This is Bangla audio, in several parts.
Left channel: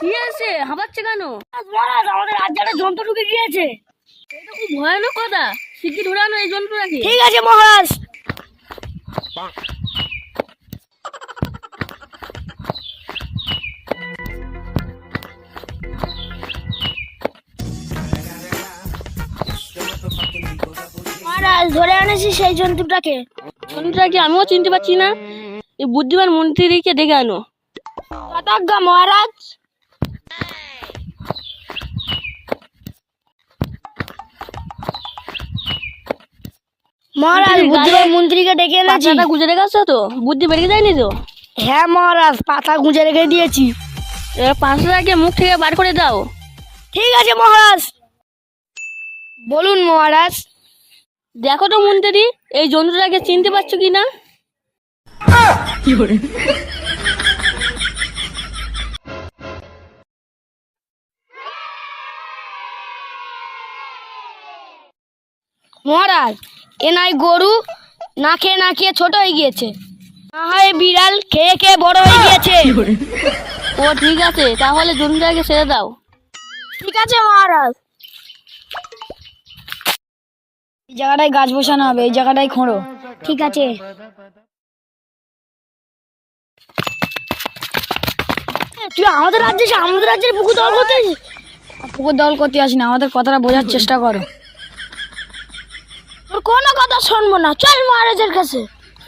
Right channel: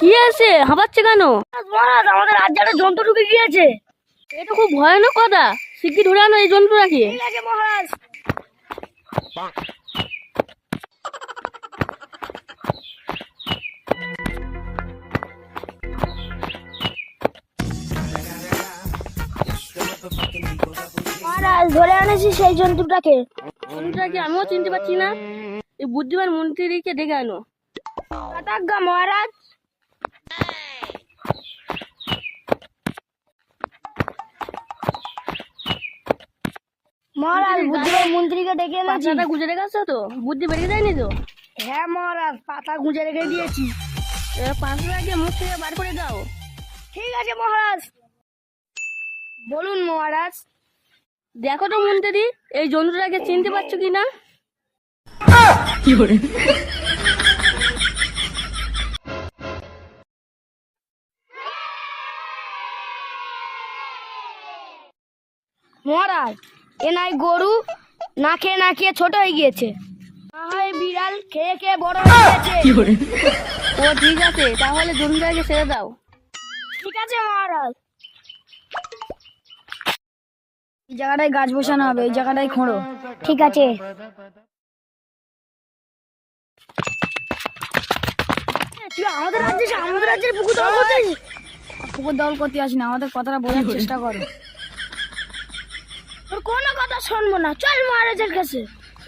কি আছে হাঁপাচ্ছে কেন? মহারাজ, আমাদের রাজ্যে একটা জন্তু ঢুকে গিয়েছে। এটা খুব ভয়ানক কথা, শিগগির ধরে আনো এই জন্তুটাকে। ঠিক আছে মহারাজ। মহারাজ, ধরে আনেছি সেই জন্তুটাকে। জন্তুটাকে আমিও চিনতে পারছি না। এই বুদ্ধিমান মন্ত্রীকে ডেকে আনো। যথাজ্ঞা মহারাজ। মহারাজ, বুদ্ধিমান মন্ত্রীকে ডেকে এনেছি। পাতাটা গুজে রেখেছো তো? বুদ্ধি বেরিয়ে যায়নি তো? হ্যাঁ মহারাজ, পাতা গুঁজে রেখে দিয়েছি। এবার পাঁচটাকে মুখ থেকে বার করে দাও। ঠিক আছে মহারাজ। বলুন মহারাজ। দেখো তো মন্ত্রী, এই জন্তুটাকে চিনতে পারছো কি না? মহারাজ, এ নাই গরু, না খেয়ে না খেয়ে ছোট হয়ে গিয়েছে। না হয় বিড়াল, খেয়ে খেয়ে বড় হয়ে গিয়েছে। ও ঠিক আছে, তাহলে জন্তুটাকে ছেড়ে দাও। ঠিক আছে মহারাজ। এই জায়গাটায় গাছ বসানো হবে, এই জায়গাটায় খোঁড়ো। ঠিক আছে। তুই আমাদের রাজ্যের পুকুর দল করতে আসিস? পুকুর দল করতে আসি না, আমাদের কথাটা বোঝার চেষ্টা করো। তোর কোনো কথা শুনবো না, চল মহারাজের কাছে।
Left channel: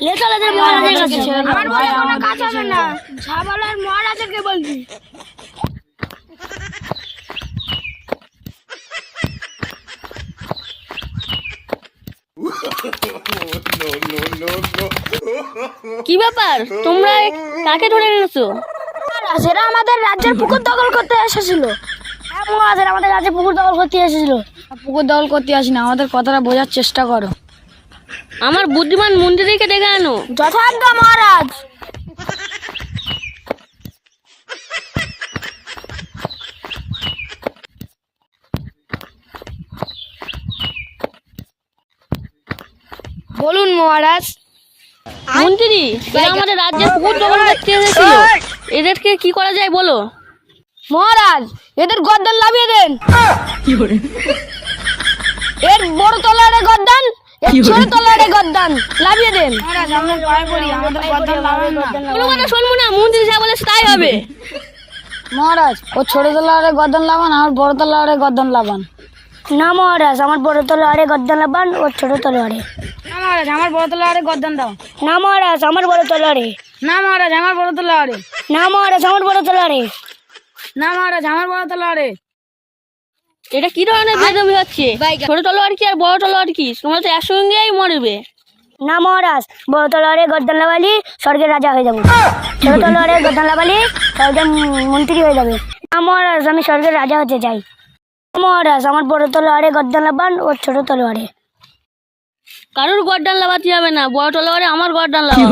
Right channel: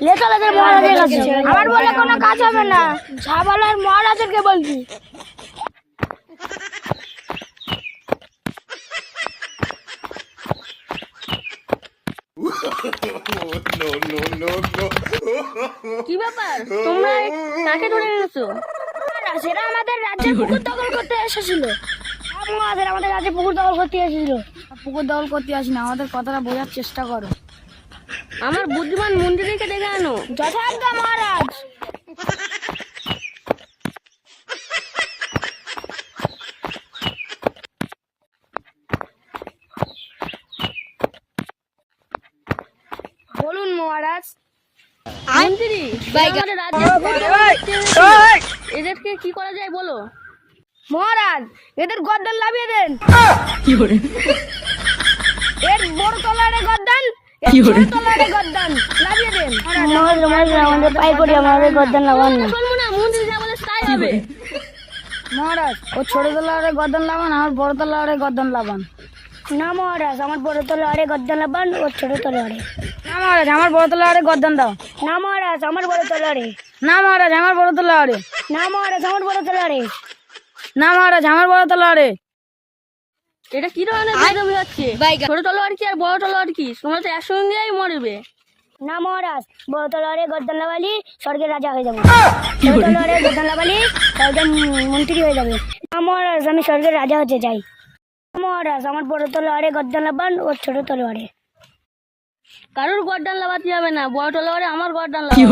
লেখালেদের মহারাজের কাছে। আমার বলে কোনো কাজ হবে না, যা বলার মহারাজেরকে বলবি। কি ব্যাপার, তোমরা কাকে ধরে এনেছো? সেটা আমাদের রাজ্যের পুকুর দখল করতে এসেছিল। হ্যাঁ মহারাজ, আমাদের রাজ্যে পুকুর দখল করতে এসেছিল। পুকুর দখল করতে আসি না, আমাদের কথাটা বোঝার চেষ্টা করো। আমার বুদ্ধিমান মন্ত্রীকে ডেকে আনো। যথাজ্ঞা মহারাজ। বলুন মহারাজ। মন্ত্রী, এরা আমাদের রাজ্যে পুকুর দখল করতে এসেছিল। এদেরকে কি করা যায় বলো? মহারাজ, এদের গর্দান লাভিয়ে দেন। এর বড় তলারে গর্দান, এর ছোট তলারে গর্দান লাভিয়ে দেন। শুনবো না, মন্ত্রী যা বলেছে তাই হবে। মহারাজ, ও ছোট তলারে গর্দান লাভান, আর বড় তলারে গর্দান লাভান। না মহারাজ, আমার বড় তলারে গর্দান লাভান, ওর ছোট তলারে। না মহারাজ, আমার বড় তলারে গর্দান দাও। না মহারাজ, আমার বড় তলারে। না মহারাজ, আমার বড় তলারে। না মহারাজ, আমার বড় তলারে। না মহারাজ, আমার বড় তলারে। এটা কি ধরনের বেদবি হচ্ছে? ছোট তলোয়ার কি আর বড় তলোয়ার কি? তোমরা তো একসঙ্গেই মরবে। না মহারাজ, বড় তলোয়ারে গর্দান লাগালি স্বর্গের রাজা হয়ে যাবো। ছোট তলোয়ারে গর্দান লাগালি স্বর্গের মন্ত্রী হয়ে যাবে। না মহারাজ, আমি স্বর্গের রাজা হতে চাই। মহারাজ, আমার বড় তলোয়ারে গর্দান লাগান, ওর ছোট তলোয়ারে। কারোর গর্দান লাগাতে হবে না, বড় তলোয়ারে আমার গর্দান লাগাও।